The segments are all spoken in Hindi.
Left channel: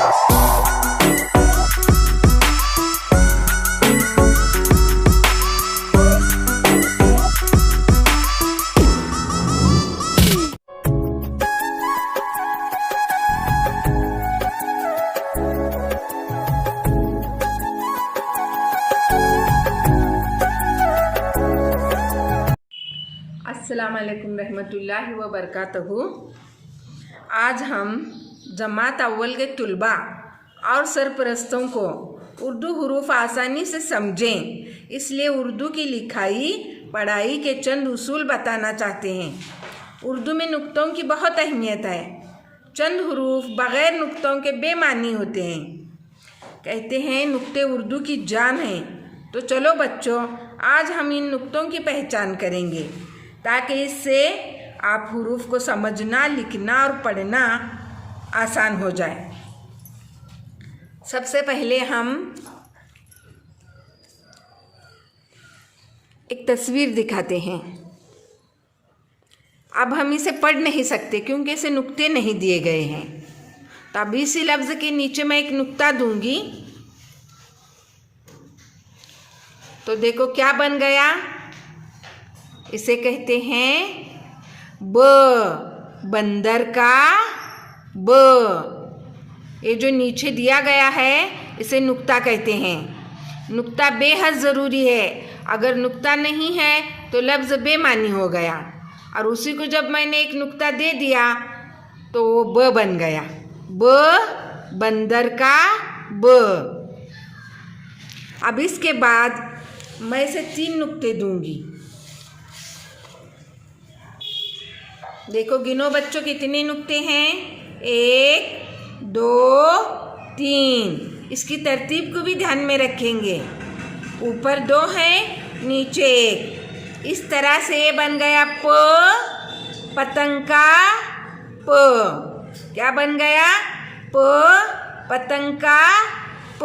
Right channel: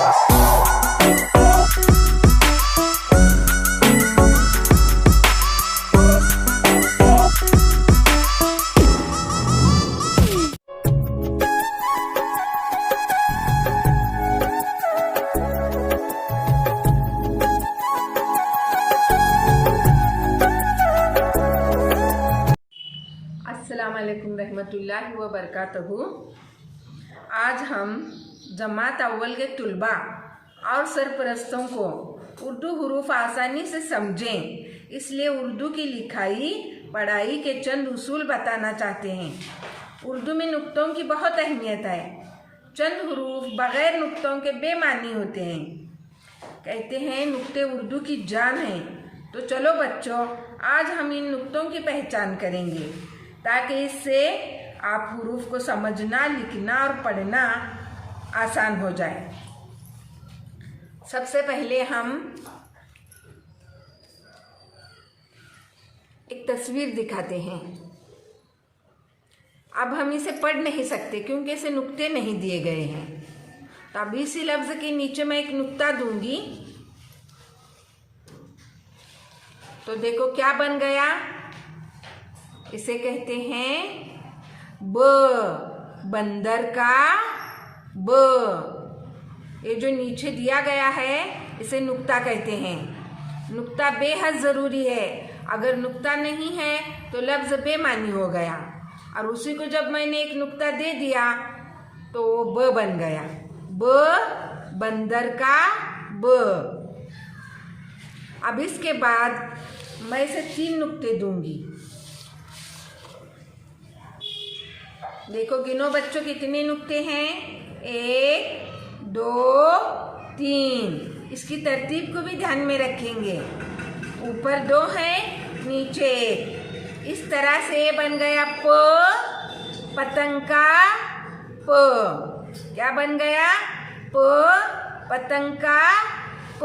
अस्सलामुअलैकुम रहमतुल्लाहि व बरकातहू। आज हम जमात अव्वल के तुलबा और सरपरस्तों को उर्दू हरूफ आसानी से समझें, इसलिए उर्दू की लिखाई पढ़ाई के चंद उसूल बताना चाहते हैं। उर्दू में नुक्तों की बहुत अहमियत है। चंद हरूफ बग़ैर नुक्तों के बेमानी होते हैं। कहते हैं नुक्ते उर्दू की जान हैं। तो चलो बच्चों, आज हम इन नुक्तों की पहचान करेंगे ताकि इससे आप हरूफ को समझना, लिखना और पढ़ना आसान हो जाए। सबसे पहले हम एक तस्वीर दिखाते हैं। अब हम इसे पढ़ नहीं सकते क्योंकि इसे नुक्ते नहीं दिए गए हैं। तो अब इसी लफ्ज़ के नीचे मैं एक नुक्ता दूंगी। तो देखो क्या बन गया। इसे कहते हैं ब, बंदर का ब। ये जो नीचे दिया गया है इसे नुक्ता कहते हैं। नुक्ता बेहद ज़रूरी है। अगर नुक्ता नहीं है तो लफ्ज़ बेमानी हो गया, और उसी को जब मैंने एक नुक्ता दे दिया तो वो ब बन गया। ब, बंदर का ब। अब इसके बाद मैं इसे 3 नुक्ते दूंगी। देखो गिनो बच्चों कितने नुक्ते हैं। 1 2 3। इसकी तरतीब को भी ध्यान में रखेंगे। ऊपर 2 हैं, नीचे 1। इस तरह से बन गया प, पतंग का प। क्या बन गया? प, पतंग का प।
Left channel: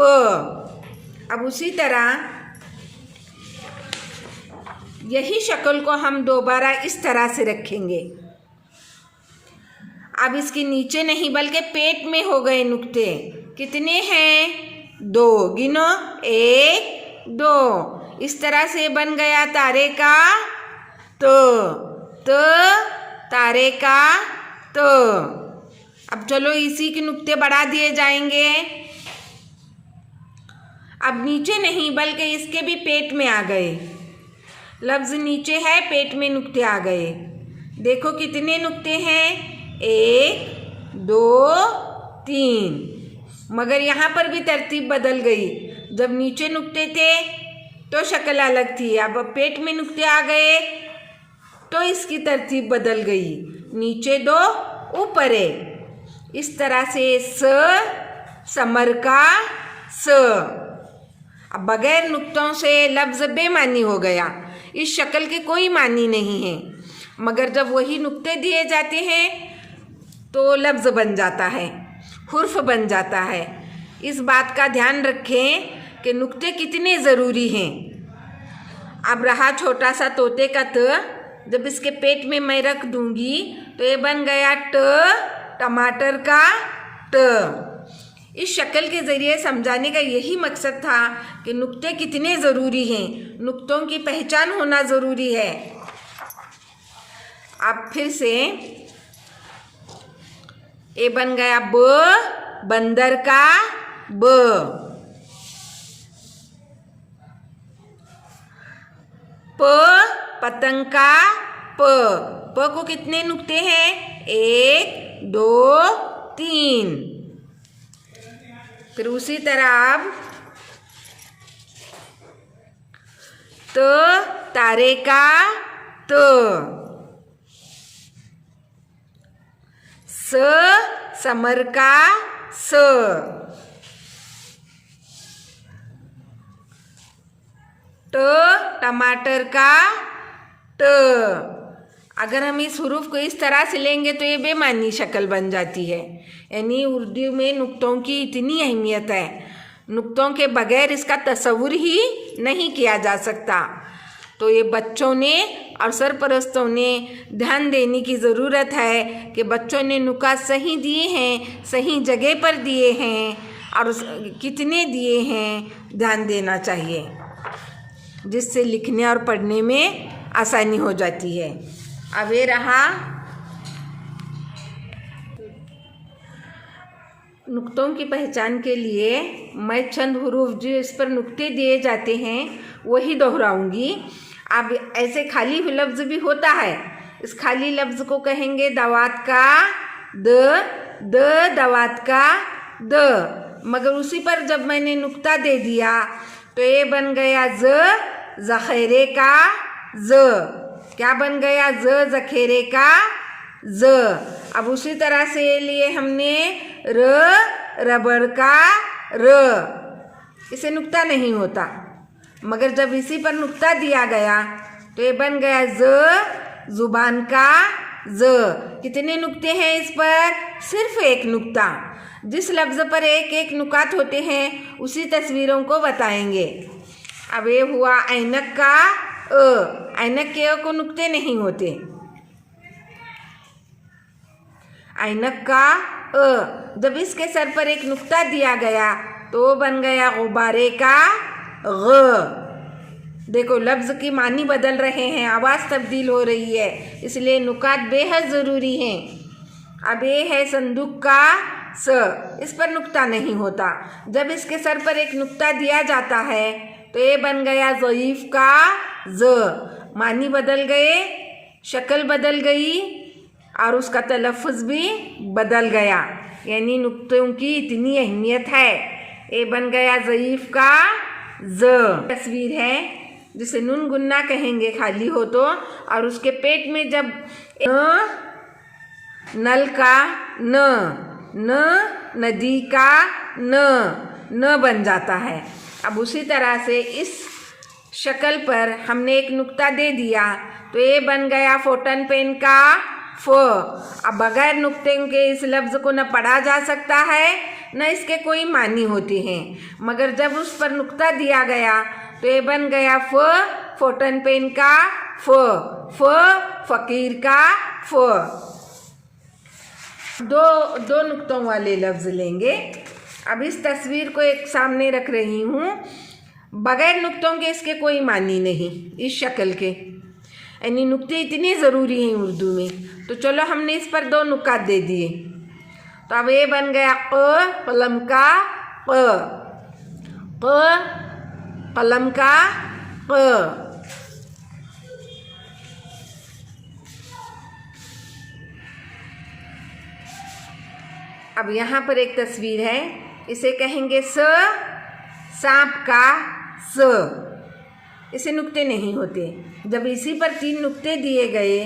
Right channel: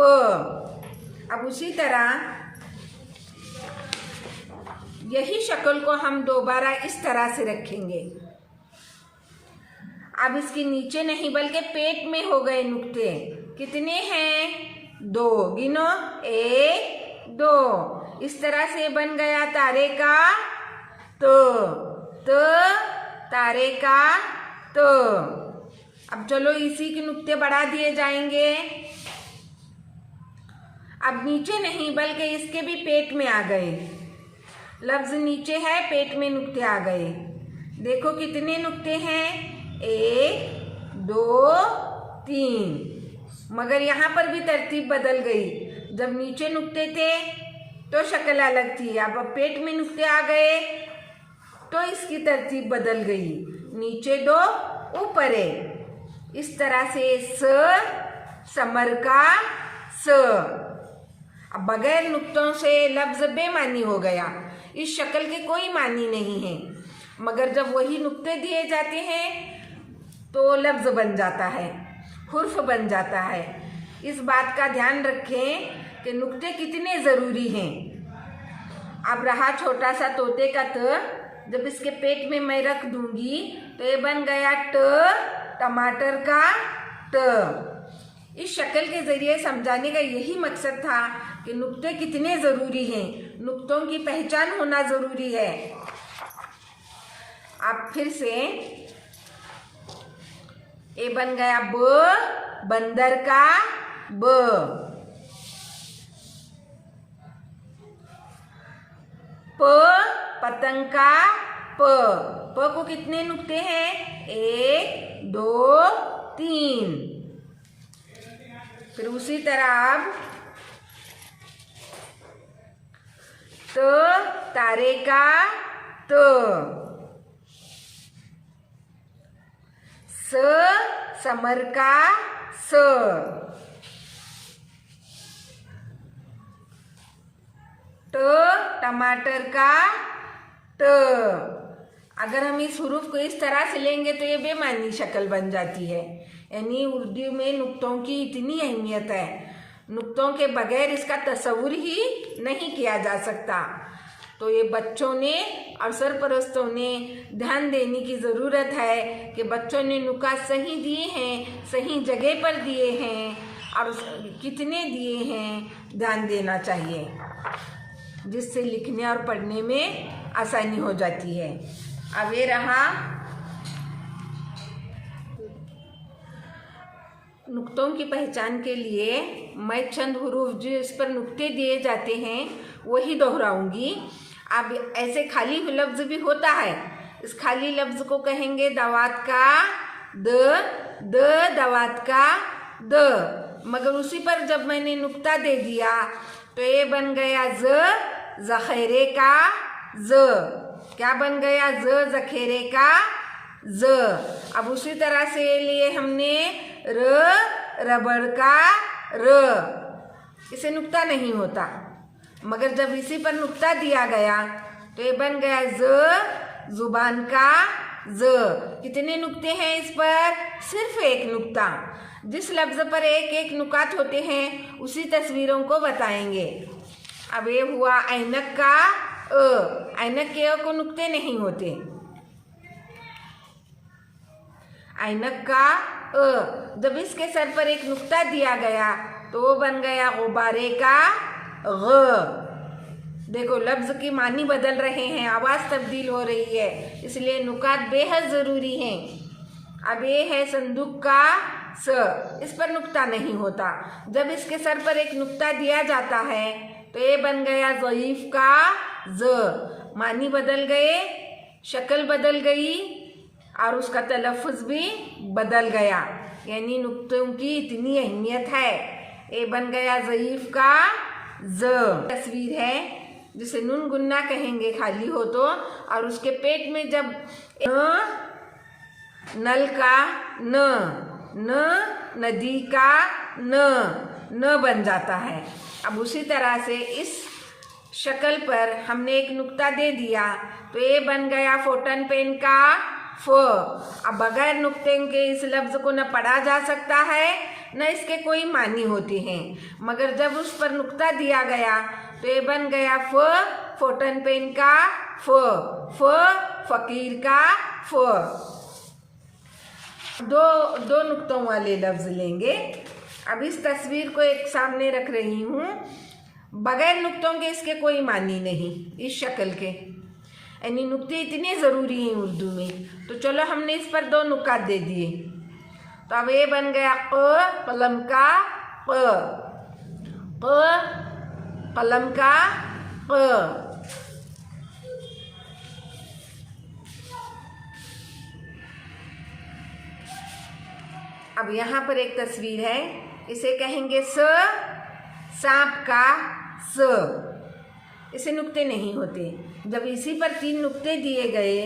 अब उसी तरह यही शक्ल को हम दोबारा इस तरह से रखेंगे। अब इसके नीचे नहीं बल्कि पेट में हो गए नुक्ते। कितने हैं? 2। गिनो। 1 2। इस तरह से बन गया तारे का त, तारे का त। अब चलो इसी के नुक्ते बढ़ा दिए जाएंगे। अब नीचे नहीं बल्कि इसके भी पेट में आ गए। लफ्ज़ नीचे है, पेट में नुक्ते आ गए। देखो कितने नुक्ते हैं। 1 2 3। मगर यहाँ पर भी तरतीब बदल गई। जब नीचे नुक्ते थे तो शक्ल अलग थी। अब पेट में नुक्ते आ गए तो इसकी तरतीब बदल गई। नीचे 2 ऊपर 1। इस तरह से स, समर का स। अब बगैर नुक्तों से लफ्ज़ बेमानी हो गया। इस शक्ल के कोई मानी नहीं है, मगर जब वही नुक्ते दिए जाते हैं तो लफ्ज़ बन जाता है, हुर्फ बन जाता है। इस बात का ध्यान रखें कि नुक्ते कितने ज़रूरी हैं। अब रहा छोटा सा तोते का त। जब इसके पेट में मैं रख दूंगी तो ये बन गया ट, टमाटर का ट। इस शक्ल के ज़रिए समझाने का यही मकसद था कि नुक्ते कितने ज़रूरी हैं, नुक्तों की पहचान होना ज़रूरी है। अब फिर से ये बन गया ब, बंदर का ब। प, पतंग का प। प को कितने नुक्ते हैं? 1 2 3। फिर उसी तरह अब त, तारे का त। स, समर का स। ट, टमाटर का ट। अगर हम इस हुरूफ को इस तरह से लेंगे तो ये बेमानी शक्ल बन जाती है। यानी उर्दू में नुक्तों की इतनी अहमियत है, नुक्तों के बगैर इसका तस्वुर ही नहीं किया जा सकता। तो ये बच्चों ने और सरपरस्तों ने ध्यान देने की ज़रूरत है कि बच्चों ने नुकात सही दिए हैं, सही जगह पर दिए हैं और कितने दिए हैं, ध्यान देना चाहिए, जिससे लिखने और पढ़ने में आसानी हो जाती है। अब ये रहा नुक्तों की पहचान के लिए मैं चंद हुरूफ जो इस पर नुक्ते दिए जाते हैं वही दोहराऊंगी। अब ऐसे खाली लफ्ज़ भी होता है, इस खाली लफ्ज़ को कहेंगे दवात का द दवात का द, मगर उसी पर जब मैंने नुक्ता दे दिया तो ये बन गया ज़ख़ीरे का ज। क्या बन गया? ज़ख़ीरे का ज। अब उसी तरह से लिए हमने रबड़ का र, इसे नुक्ता नहीं होता, मगर जब इसी पर नुक्ता दिया गया तो ये बन गया जुबान का ज। कितने नुक्ते हैं इस पर? सिर्फ एक नुक्ता। जिस लफ्ज़ पर एक एक नुकात होते हैं उसी तस्वीरों को बताएंगे। अब ये हुआ ऐनक का अ, ऐनक के अ को नुक्ते नहीं होते। ऐनक का अ, जब इसके सर पर एक नुक्ता दिया गया तो बन गया गुब्बारे का ग। देखो लफ्ज़ की मानी बदल रहे हैं, आवाज़ तब्दील हो रही है, इसलिए नुकात बेहद ज़रूरी हैं। अब ये है संदूक का स, इस पर नुक्ता नहीं होता। जब इसके सर पर एक नुक्ता दिया जाता है तो ये बन गया ज़ईफ़ का ज। मानी बदल गए, शक्ल बदल गई और उसका तलफ़ुज़ भी बदल गया, यानी नुक्तों की इतनी अहमियत है। ये बन गया ज़ईफ़ का ज। तस्वीर है जिसे नून गुन्ना कहेंगे खाली हो तो, और उसके पेट में जब नल का न नदी का न बन जाता है। अब उसी तरह से इस शक्ल पर हमने एक नुक्ता दे दिया तो ये बन गया फोटन पेन का फ। अब बगैर नुक्ते के इस लफ्ज़ को न पढ़ा जा सकता है न इसके कोई मानी होते हैं, मगर जब उस पर नुक्ता दिया गया तो ये बन गया फोटन पेन का फ़कीर का फ। दो नुक्तों वाले लफ्ज़ लेंगे। अब इस तस्वीर को एक सामने रख रही हूँ, बगैर नुक्तों के इसके कोई मानी नहीं इस शक्ल के, यानी नुक्ते इतने ज़रूरी हैं उर्दू में। तो चलो हमने इस पर दो नुकात दे दिए, तो अब ये बन गया कलम का कलम का क। अब यहाँ पर एक तस्वीर है, इसे कहेंगे सांप का स, इसे नुक्ते नहीं होते। जब इसी पर 3 नुक्ते दिए गए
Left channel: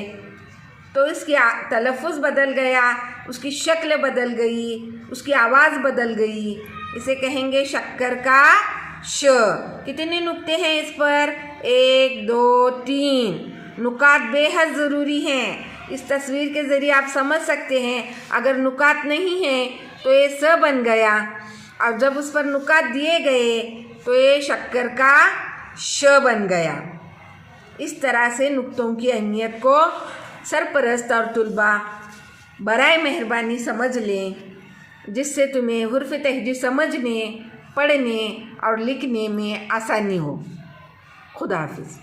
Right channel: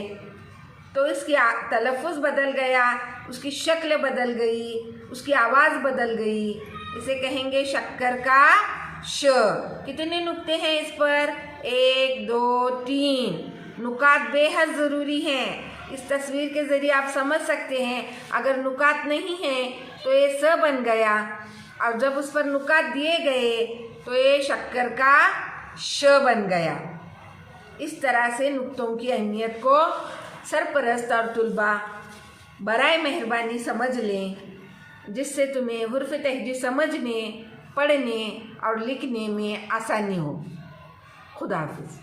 तो इसकी तलफ़ुज़ बदल गया, उसकी शक्ल बदल गई, उसकी आवाज़ बदल गई। इसे कहेंगे शक्कर का श। कितने नुक्ते हैं इस पर? 1 2 3। नुकात बेहद ज़रूरी हैं। इस तस्वीर के ज़रिए आप समझ सकते हैं, अगर नुकात नहीं है तो ये स बन गया, और जब उस पर नुकात दिए गए तो ये शक्कर का श बन गया। इस तरह से नुक्तों की अहमियत को सरपरस्त और तुलबा बराए मेहरबानी समझ लें, जिससे तुम्हें हुर्फ़ तहजीर समझने, पढ़ने और लिखने में आसानी हो। खुदा हाफिज़।